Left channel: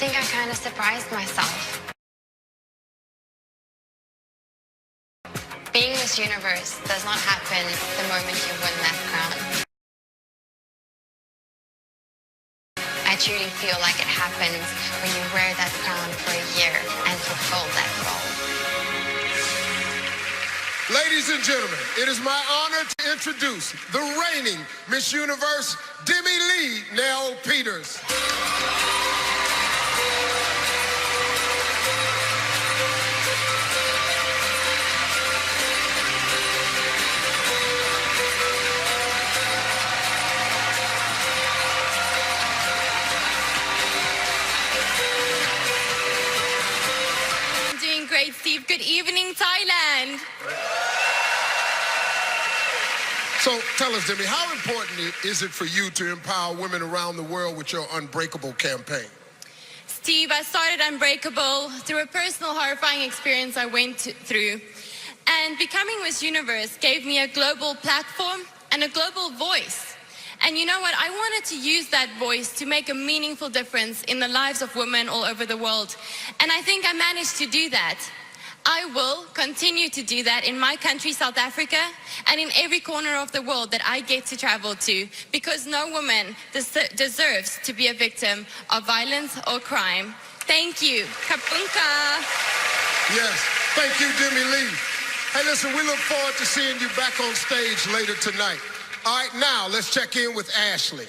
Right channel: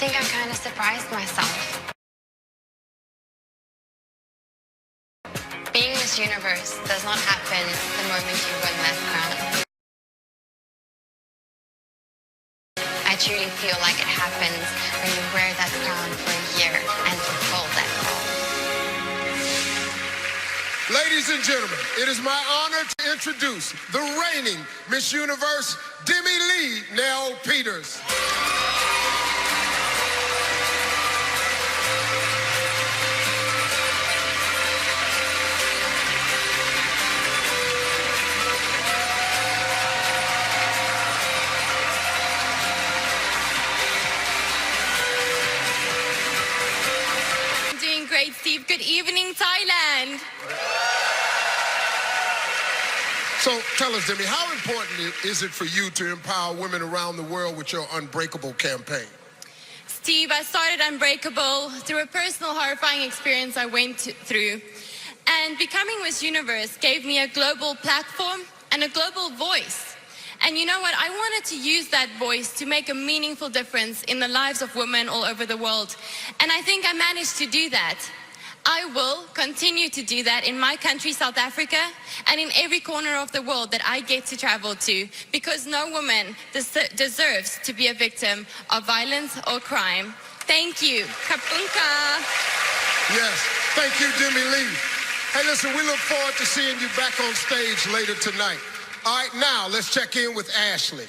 think I kind of surprised myself. Being Miss Universe does not happen the moment you win that crown. I truly feel like it happens when you wear that crown for a year and fulfill that role. Ladies and gentlemen, it is my honor to introduce the reigning Miss Universe, Demi Lee Nell Peters. Doing great, Steve. Good evening, Thailand. So tell us, Demi, how important is it for you to empower women around the world with your Unbreakable campaign? Steve, I started Unbreakable through a personal horrifying experience I went through. And becoming Miss Universe gave me a global platform and a global voice. And you know what? I wanted to use that voice to make a meaningful difference in the lives of women all over the world. And I think I managed to do that. I will continue to do that in my country, South Africa, and in every corner of the world that I get to travel to, because no woman deserves to be a victim of violence or crime. Thank you. Kapunka. Yes, thank you, Demi Lee. Hey, listen, we look forward to seeing you back on stage later tonight. All right, now let's check in with Ashley.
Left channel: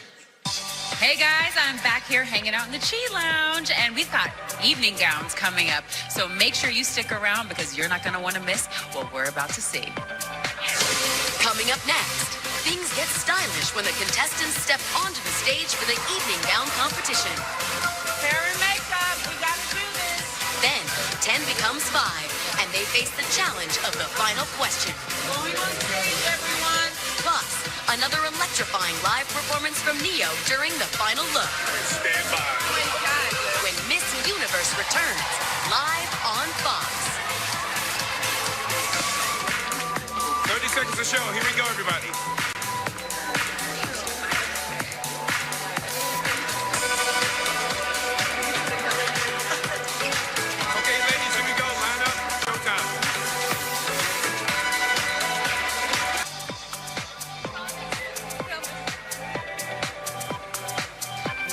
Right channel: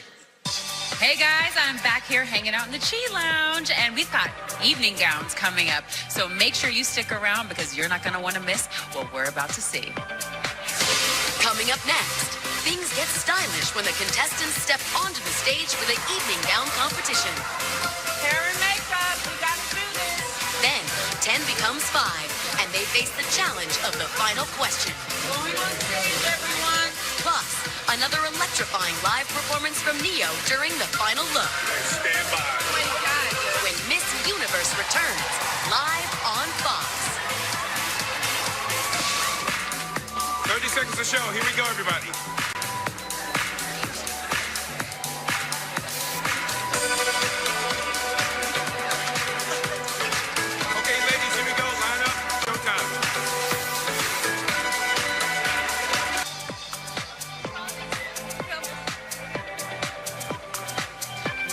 Hey guys, I'm back here hanging out in the Chi Lounge, and we've got evening gowns coming up. So make sure you stick around because you're not going to want to miss what we're about to see. Coming up next, things get stylish when the contestants step onto the stage for the evening gown competition. Hair and makeup, we got to do this. Then, 10 becomes 5, and they face the challenge of the final question. Going on stage, everyone. Plus, another electrifying live performance from Neo during the final look. Stand by. Oh my God. When Miss Universe returns, live on Fox. 30 seconds to show. Here we go, everybody. Okay, ladies, here we go. Line up. Showtime.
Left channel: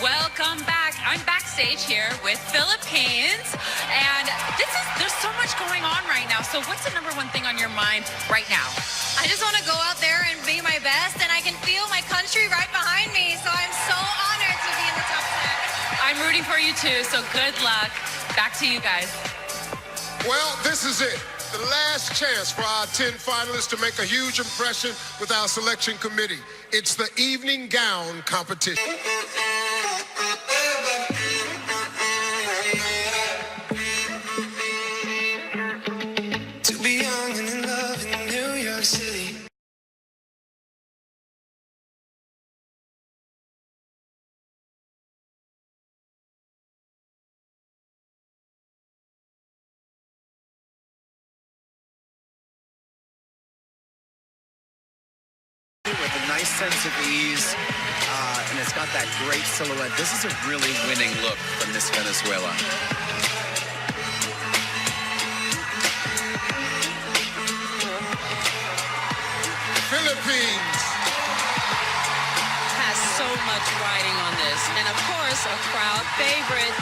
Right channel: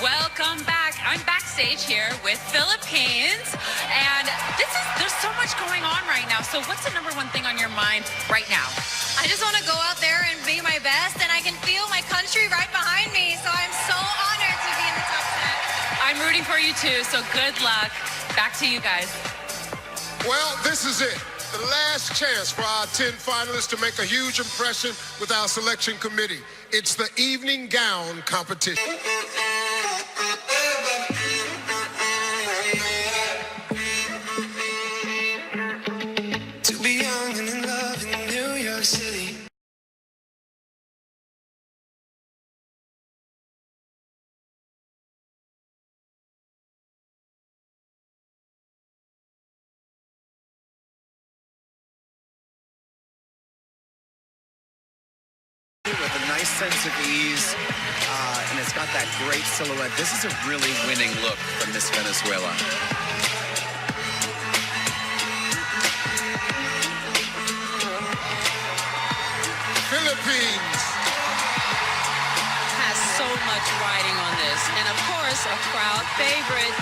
Welcome back. I'm backstage here with Philippines, and there's so much going on right now. So what's the number one thing on your mind right now? I just want to go out there and be my best, and I can feel my country right behind me, so I'm so honored to be in the top 10. I'm rooting for you too, so good luck. Back to you guys. Well, this is it. The last chance for our 10 finalists to make a huge impression with our selection committee. It's the evening gown competition. To be young and in love in New York City. With a nice sense of ease, and it's got that great silhouette. This is a really winning look from Miss Venezuela. Philippines has so much riding on this, and of course a crowd favorite.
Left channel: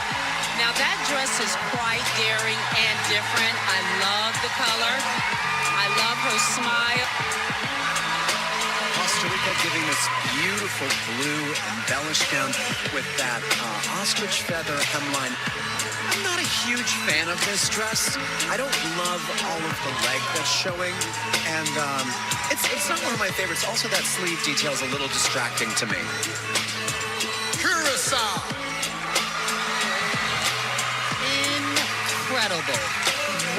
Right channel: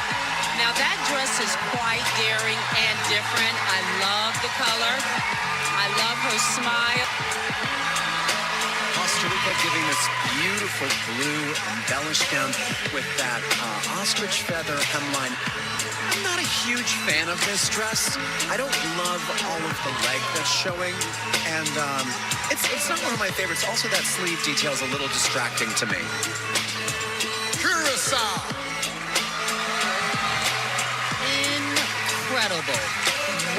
Now that dress is quite daring and different. I love the color. I love her smile. Costa Rica giving this beautiful blue embellished gown with that ostrich feather hemline. I'm not a huge fan of this dress. I don't love all of the leg that's showing, and it's not one of my favorites. Also, that sleeve detail is a little distracting to me. Curacao. Incredible.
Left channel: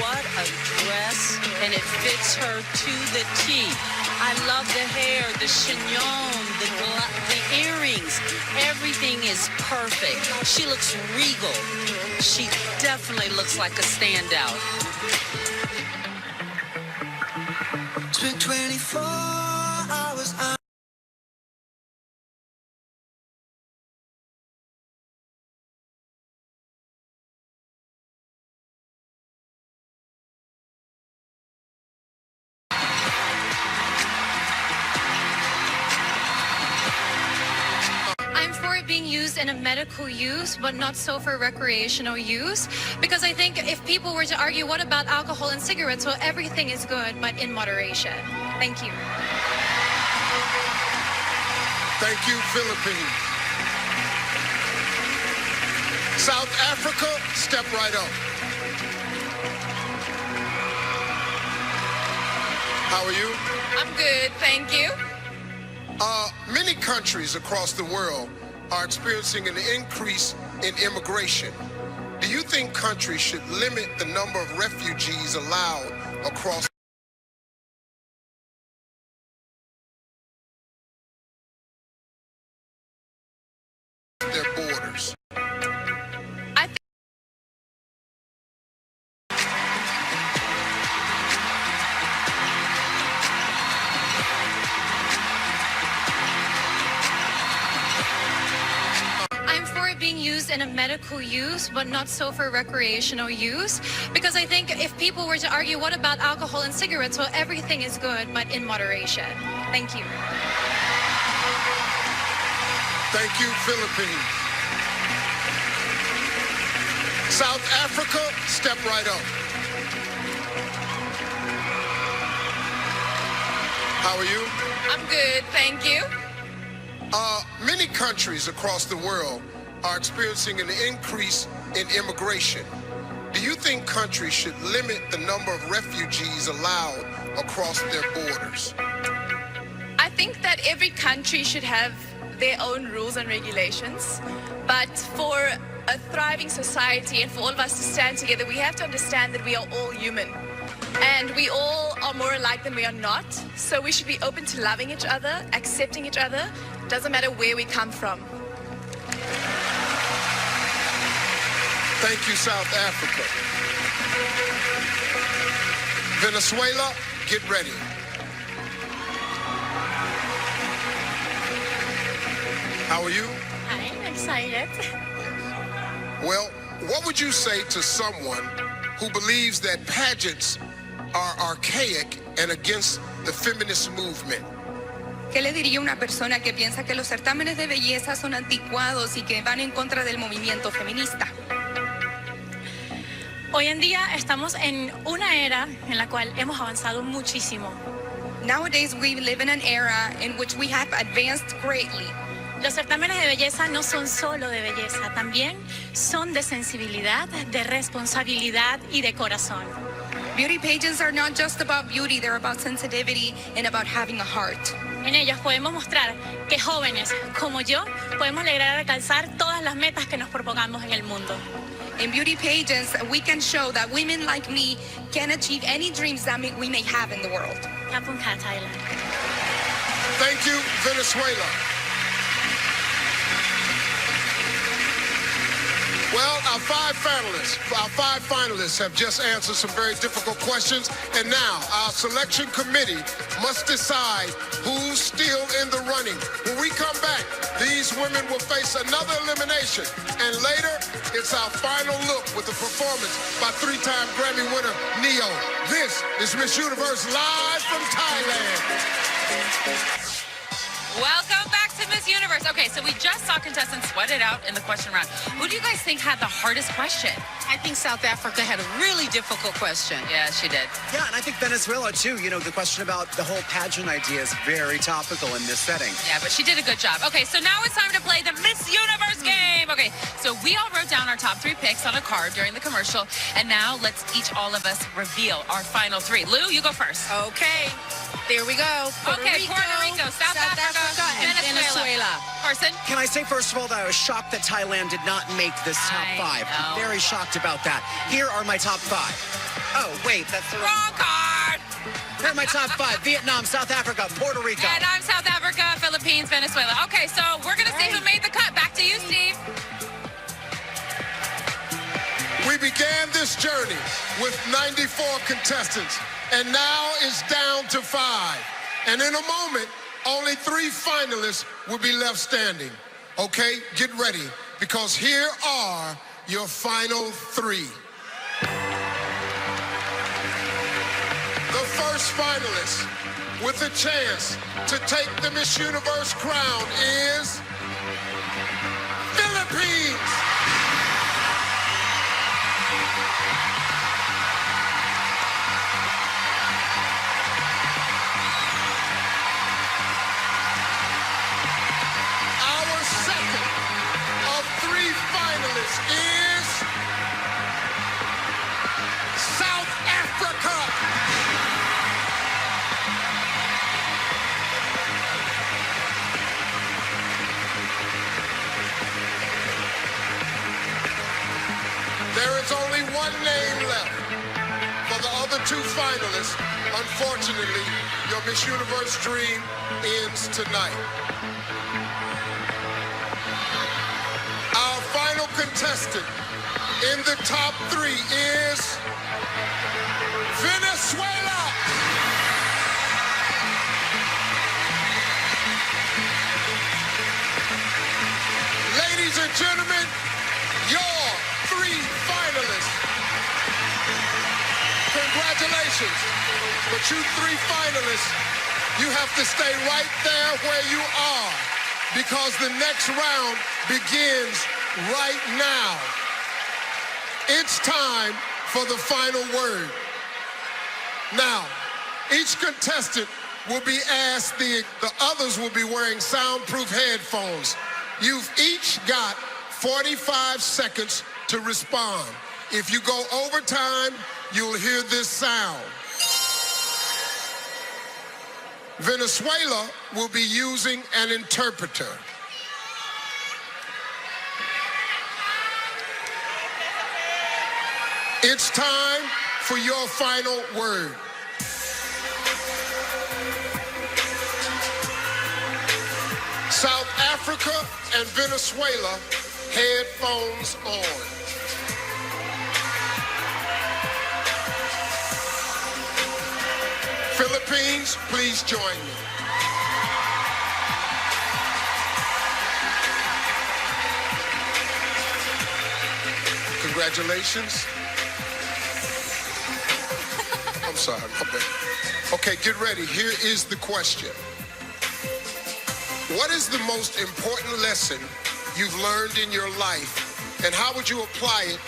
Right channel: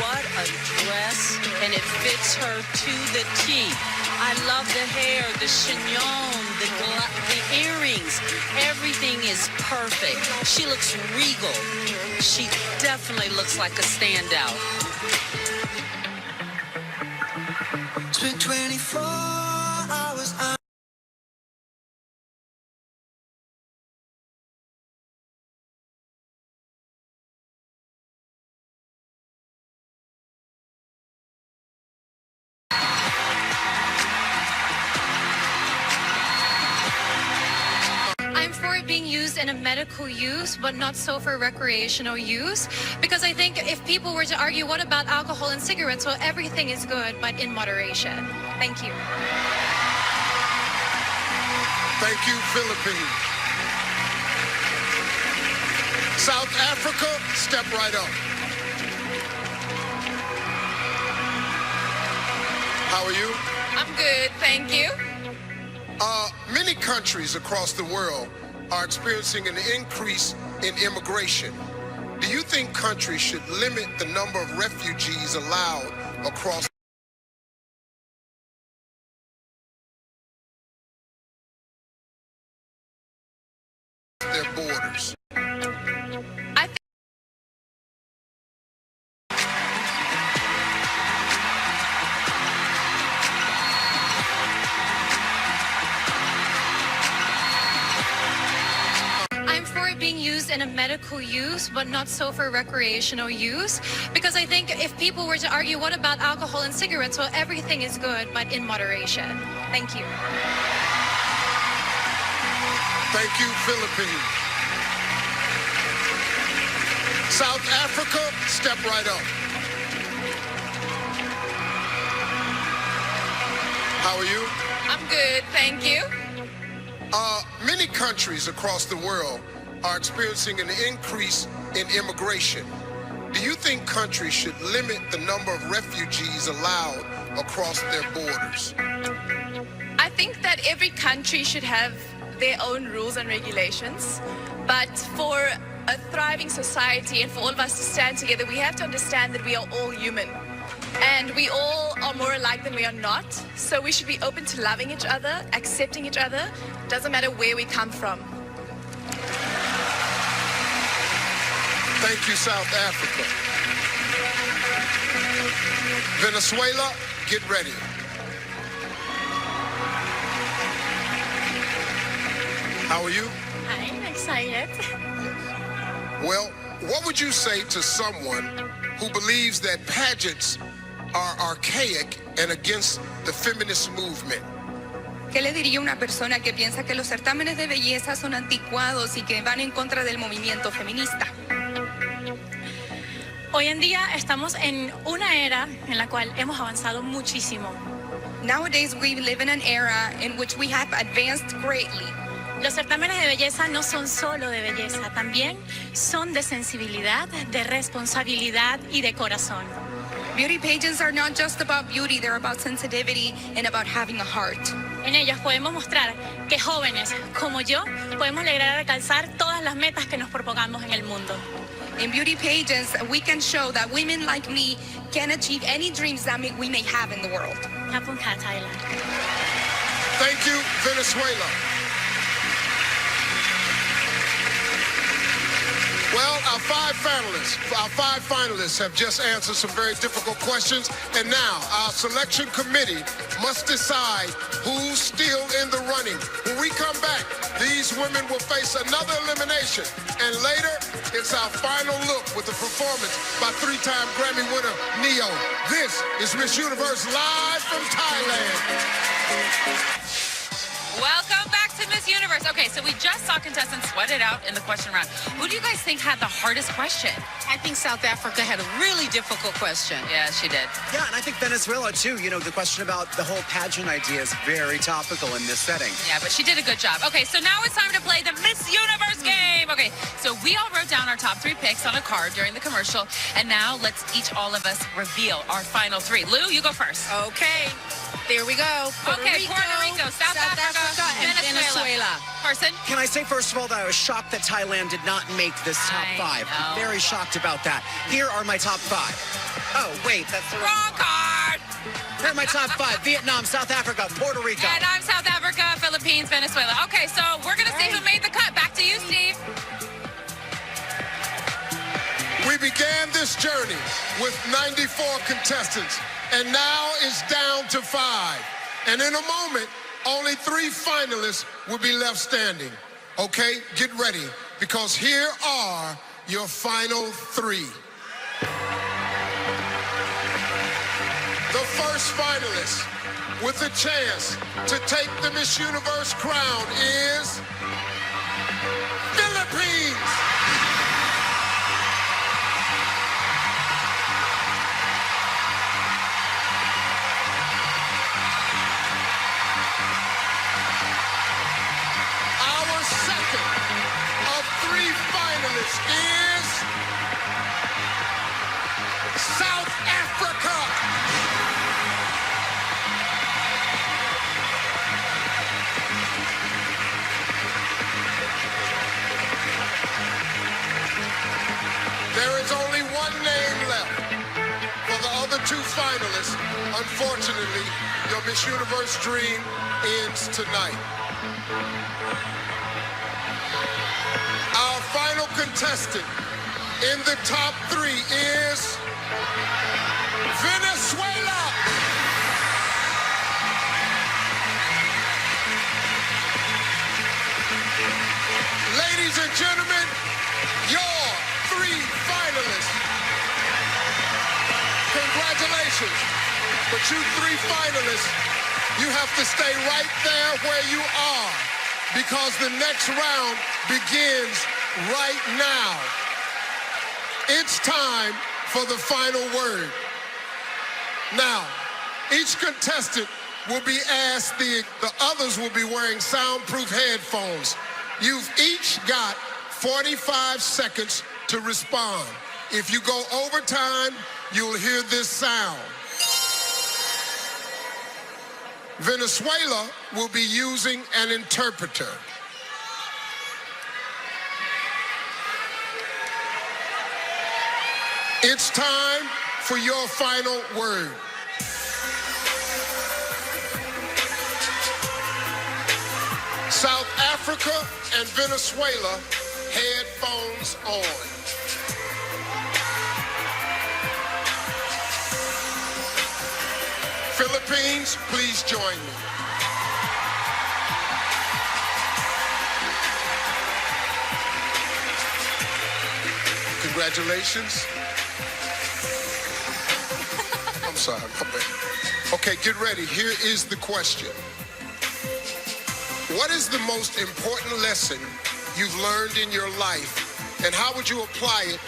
What a dress, and it fits her to the T. I love the hair, the chignon, the earrings. Everything is perfect. She looks regal. She definitely looks like a standout. Spent 24 for it being used in a medical use, but not so for recreational use. Because I think if people were to argue, what about alcohol and cigarettes? Well, everything is good, but in moderation. Thank you. Thank you, Philippines. South Africa, step right up. How are you? I'm good, thank you. Many countries across the world are experiencing an increase in immigration. Do you think countries should limit the number of refugees allowed across their borders? I'm for it being used in a medical use, but not so for recreational use. Because I think if people were to argue, what about alcohol and cigarettes? Well, everything is good, but in moderation. Thank you. Thank you, Philippines. South Africa, step right up. How are you? I'm good, thank you. Many countries across the world are experiencing an increase in immigration. Do you think countries should limit the number of refugees allowed across their borders? I think that every country should have their own rules and regulations, but for a thriving society and for all of us to stand together, we have to understand that we are all human. And we all are more alike than we are not. So we should be open to loving each other, accepting each other. Doesn't matter where we come from. Thank you, South Africa. Venezuela, get ready. How are you? I'm excited. Well, what would you say to someone who believes that pageants are archaic and against the feminist movement? ¿Qué le diría a una persona que piensa que los certámenes de belleza son anticuados y que van en contra del movimiento feminista? Hoy en día estamos en una era en la cual hemos avanzado muchísimo. Nowadays we live in an era in which we have advanced greatly. Los certámenes de belleza no son solo de belleza, también son de sensibilidad, de responsabilidad y de corazón. Beauty pageants are not just about beauty, they're about sensitivity and about having a heart. En ellas podemos mostrar que jóvenes como yo podemos lograr alcanzar todas las metas que nos propongamos en el mundo. In beauty pageants, we can show that women like me can achieve any dreams that we may have in the world. Thailand. Thank you, Venezuela. Well, our five finalists have just answered some very difficult questions, and now our selection committee must decide who's still in the running. When we come back, these women will face another elimination, and later, it's our final look with a performance by three-time Grammy winner Neo. This is Miss Universe live from Thailand. Welcome back to Miss Universe. Okay, so we just saw contestants sweat it out in the question round. Who do you guys think had the hardest question? I think South Africa had a really difficult question. Yeah, she did. Yeah, and I think Venezuela, too. You know, the question about the whole pageant idea is very topical in this setting. Yeah, but she did a good job. Okay, so now it's time to play the Miss Universe game. Okay, so we all wrote down our top 3 picks on a card during the commercial, and now let's all of us reveal our final 3. Lou, you go first. Okay, there we go. Puerto Rico, South Africa, and Venezuela. Carson? Can I say, first of all, that I was shocked that Thailand did not make this top 5. I'm very shocked about that. Here are my top 5. Oh, wait, that's the wrong card. Here are my top 5. Vietnam, South Africa, Puerto Rico. And I'm South Africa, Philippines, Venezuela. Okay, so we're going to see who made the cut. Back to you, Steve. We began this journey with 94 contestants, and now it's down to 5. And in a moment, only 3 finalists will be left standing. Okay, get ready, because here are your final 3. The first finalist with a chance to take the Miss Universe crown is Philippines. Our second of three finalists is South Africa. There is only one name left for the other two finalists. Unfortunately, your Miss Universe dream ends tonight. Our final contestant in the top three is Venezuela. Ladies and gentlemen, your three finalists. Congratulations. But you three finalists, you have to stay right there where you are because the next round begins right now. It's time for the final word. Now, each contestant will be asked, the others will be wearing soundproof headphones. You've each got 45 seconds to respond. If you go over time, you'll hear this sound. Venezuela will be using an interpreter. It's time for your final word. South Africa and Venezuela, headphones on. Philippines, please join me. Congratulations. I'm sorry, my bad. Okay, get ready. Here is the question. What is the most important lesson you've learned in your life, and how would you apply it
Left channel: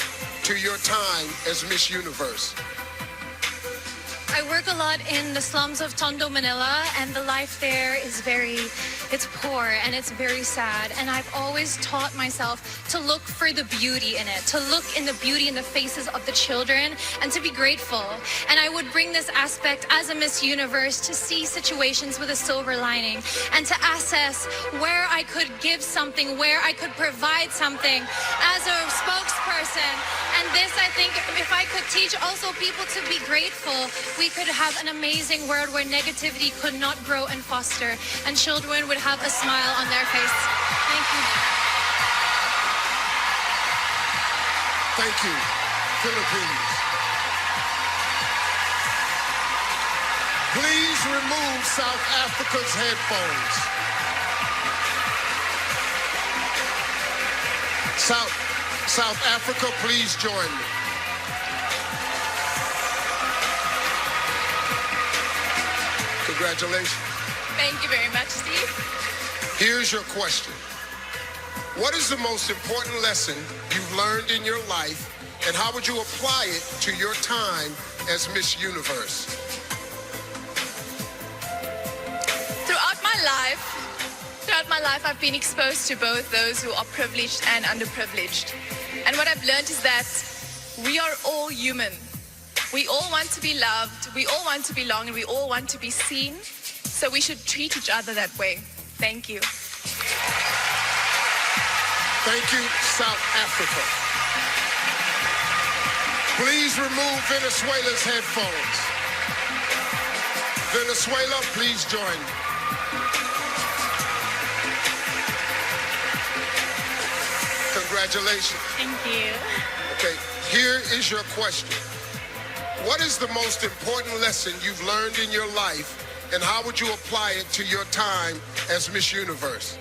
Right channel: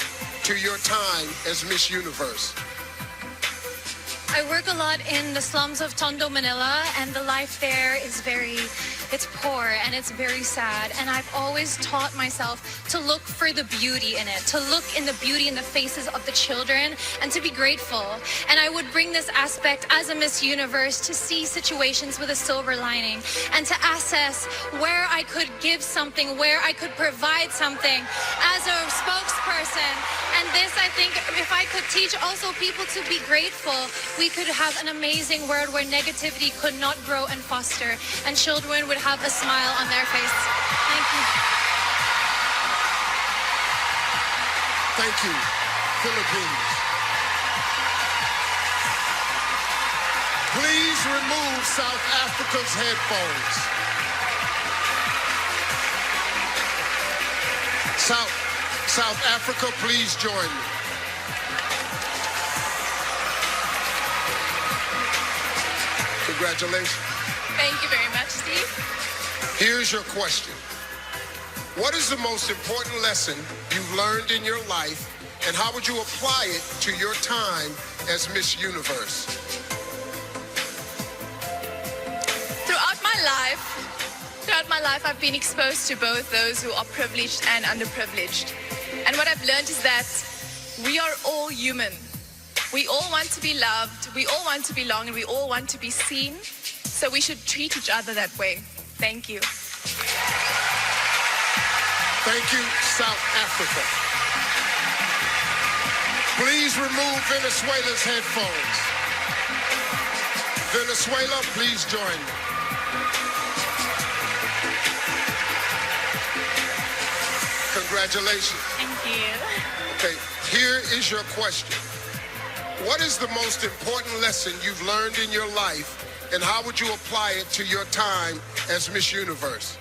to your time as Miss Universe? I work a lot in the slums of Tondo, Manila, and the life there is it's poor and it's very sad. And I've always taught myself to look for the beauty in it, to look in the beauty in the faces of the children and to be grateful. And I would bring this aspect as a Miss Universe to see situations with a silver lining and to assess where I could give something, where I could provide something as a spokesperson. And this, I think, if I could teach also people to be grateful, we could have an amazing world where negativity could not grow and foster, and children would have a smile on their face. Thank you. Thank you, Philippines. Please remove South Africa's headphones. South Africa, please join me. Congratulations. Thank you very much, Steve. Here's your question. What is the most important lesson you've learned in your life, and how would you apply it to your time as Miss Universe? Throughout my life, I've been exposed to both those who are privileged and underprivileged. And what I've learned is that we are all human. We all want to be loved, we all want to belong, and we all want to be seen. So we should treat each other that way. Thank you. Thank you, South Africa. Please remove Venezuela's headphones. Venezuela, please join me. Congratulations. Thank you. Okay, here is your question. What is the most important lesson you've learned in your life, and how would you apply it to your time as Miss Universe?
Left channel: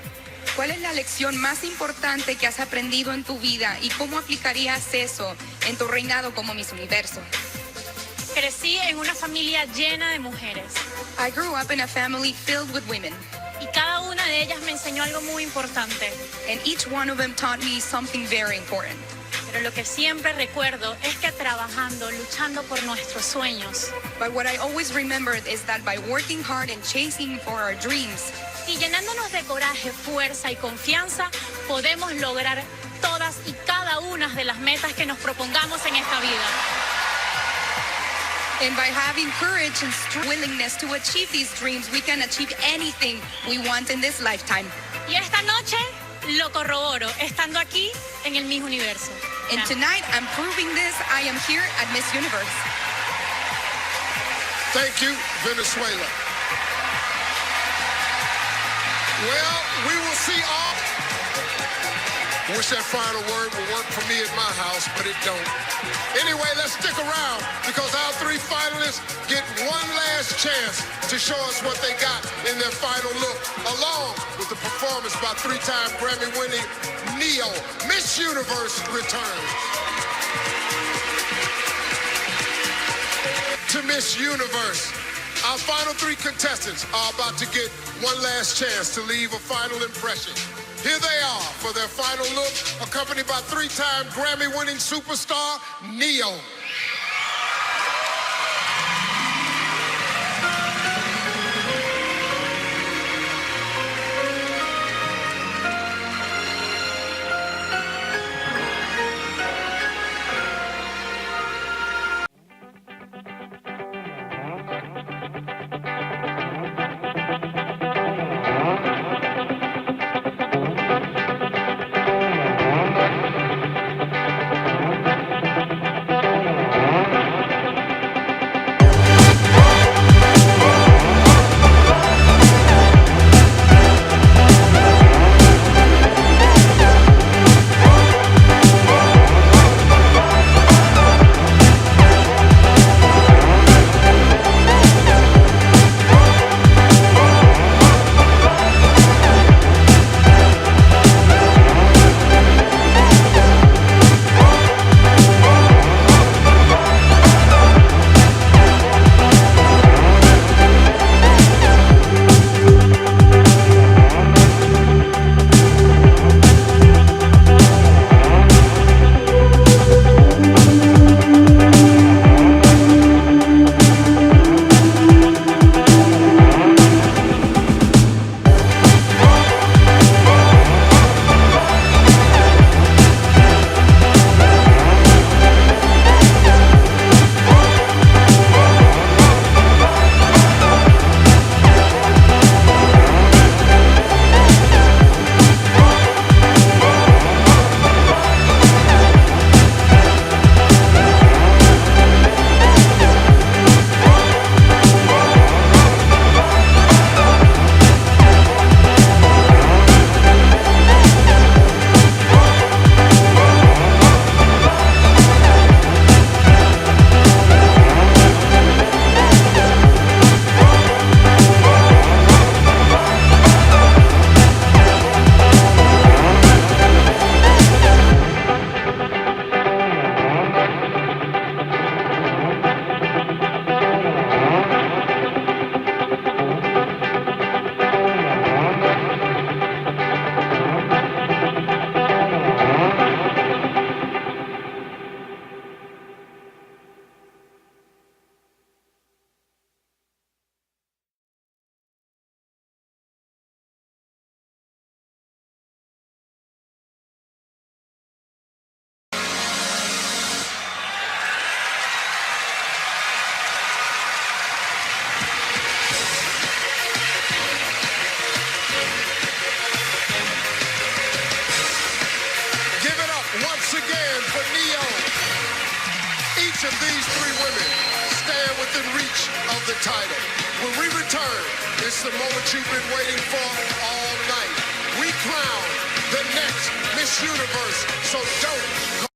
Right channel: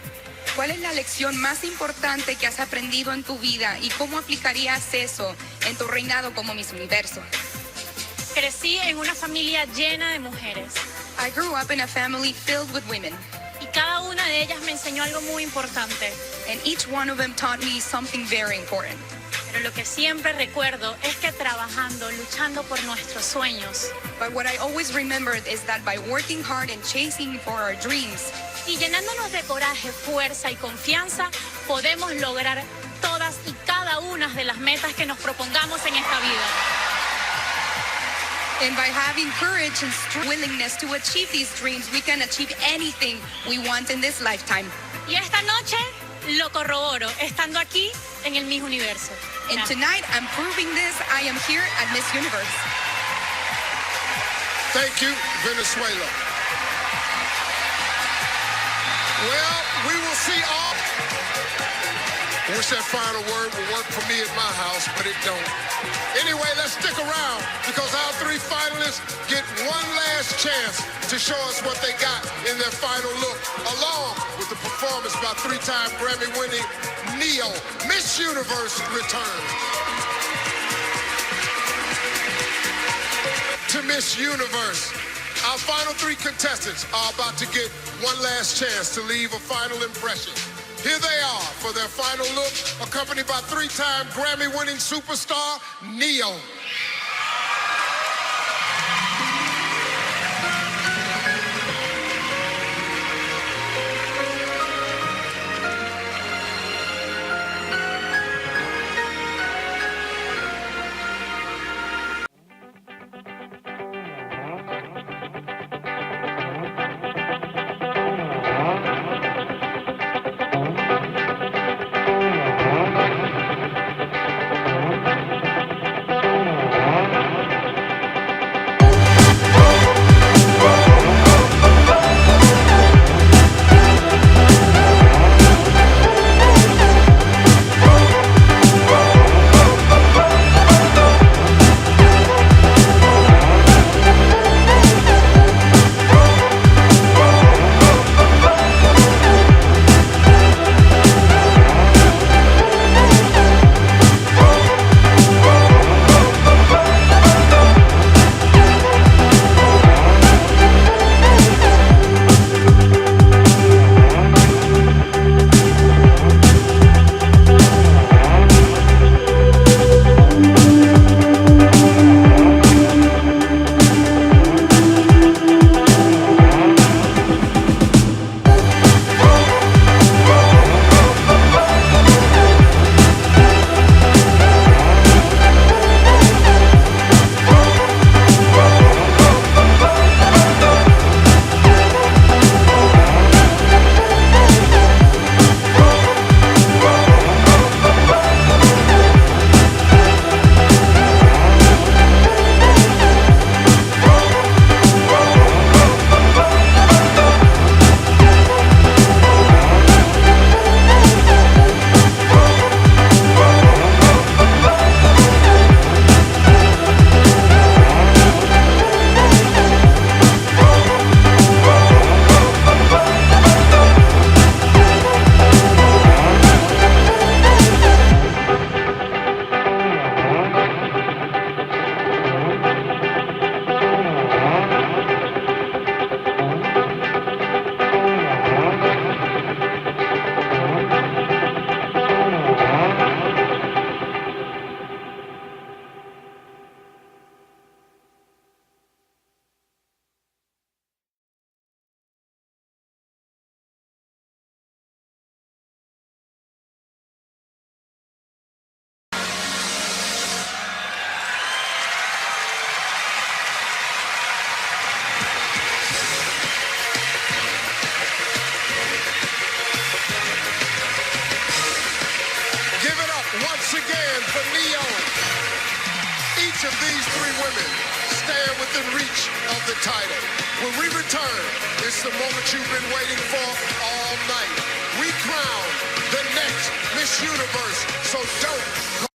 ¿Cuál es la lección más importante que has aprendido en tu vida y cómo aplicarías eso en tu reinado como Miss Universo? Crecí en una familia llena de mujeres I grew up in a family filled with women, y cada una de ellas me enseñó algo muy importante. and each one of them taught me something very important. Pero lo que siempre recuerdo es que trabajando, luchando por nuestros sueños But what I always remembered is that by working hard and chasing for our dreams, y llenándonos de coraje, fuerza y confianza, podemos lograr todas y cada una de las metas que nos propongamos en esta vida. and by having courage and willingness to achieve these dreams, we can achieve anything we want in this lifetime. Y esta noche lo corroboro, estando aquí en el Miss Universo. And tonight, I'm proving this. I am here at Miss Universe. Thank you, Venezuela. Well, we will see all. Wish that final word would work for me at my house, but it don't. Anyway, let's stick around because our three finalists get one last chance to show us what they got in their final look, along with the performance by three-time Grammy-winning Neo. Miss Universe returns. To Miss Universe, our final three contestants are about to get one last chance to leave a final impression. Here they are for their final look, accompanied by three-time Grammy-winning superstar, Neo. Once again for Neo. Each of these three women stand within reach of the title. When we return, it's the moment you've been waiting for all night. We crown the next Miss Universe, so don't go